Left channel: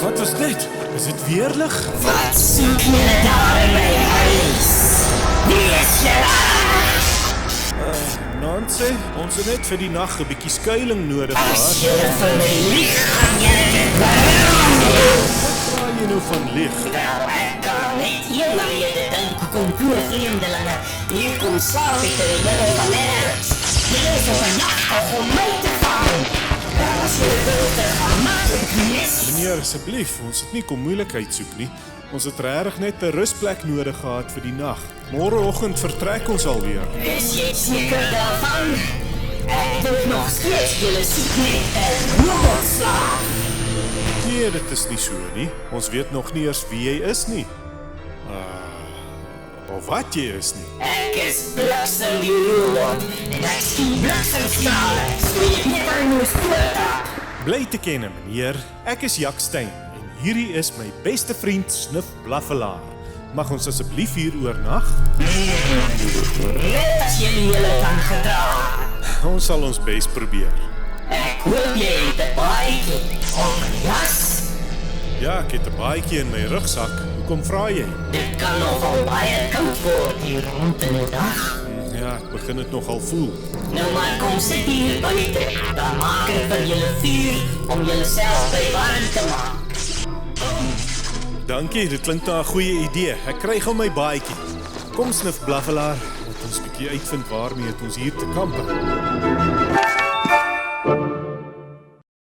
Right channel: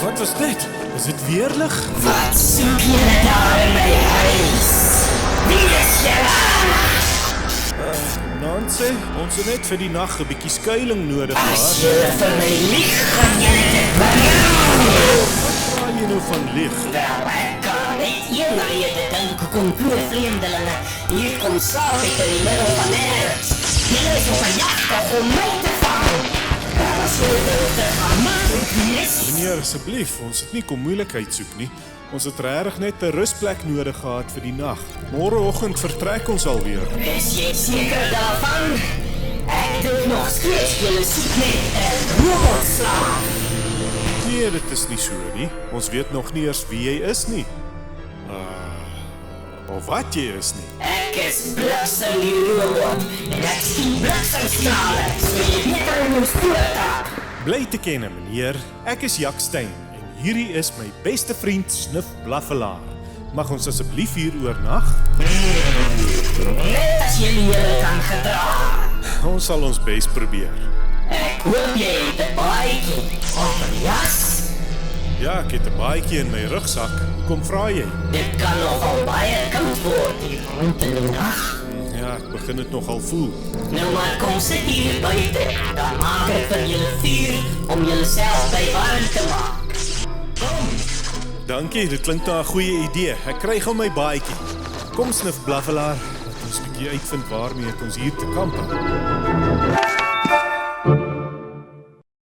Wat was dit? Is dit weerlig? Wat soek julle daar in my huis? Wie is julle? Nancy, ons het net vir die nag 'n bietjie skuiling nodig As gehad. julle vir my lieg, gaan julle dit bring. Wat praat jy nou van lieg? Wel, ek kan aan net een rede dink hoekom twee vreemdelinge hier kom slaap het in die middel van nêrens. Julle is op 'n jagtog om my te vang. Maar as julle dink dit gaan maklik wees, Meneer, asseblief, ons het nie kom moeilikheid soek nie. Ons het regtig net 'n rusplek nodig gehad vir die nag. Môreoggend vertrek ons alweer. is jy seker daarvan? Ek dink nog steeds julle soek net 'n robotslaaf. Nee, dit is nie so nie. Ons weet nog nie eers wie jy is nie. Of wat jy is nie. Ek is Bliksem die robot en ek skiet bliksemstrale, so jy beter in jou spoor trap. Bly te ken, meneer. Ek is Jak Stein en hierdie is my beste vriend Sniff Blaffelaar. Mag ons asseblief hier oornag? Net as jy julle kan gedra. Ons sal ons bes probeer. Ek hoop jy het 'n baadjie of 'n jas. Ja, ek het 'n baadjie in my rugsak. Hoekom vra jy? Dit kan nogal baie koud word hier rond in die nag. Ja, ek begin dit nogal voel. Nou maar kom sit hier buite, dan maak ek vir julle vuur om julleself by warm te maak. Dankie, dit klink na 'n goeie idee. Ek kry gou my baadjie. Kom Sniff Blaffelaar, laat ons 'n bietjie uitvind waarmee het ons hier te kampe.